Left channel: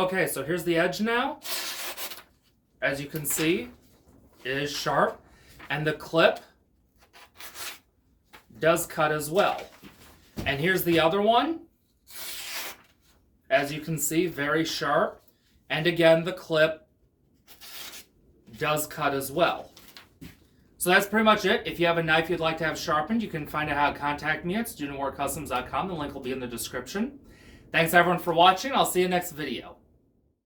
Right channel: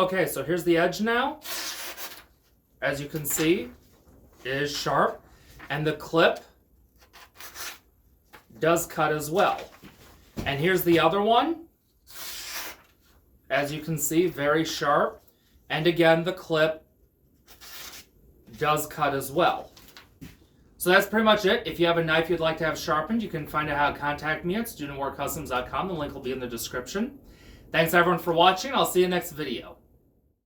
Okay, so here's the edge now. As you can see, it is sharp. And the clip does cut as well. And here's the other one. As you can see, very sharp. And again, the clip does cut as well. So that's pretty much it. If you have a knife you'd like to have sharpened, you can find out how to contact me at studentwarcustoms.com. The link will be in the description. Thanks everyone for watching. I'll see you next video.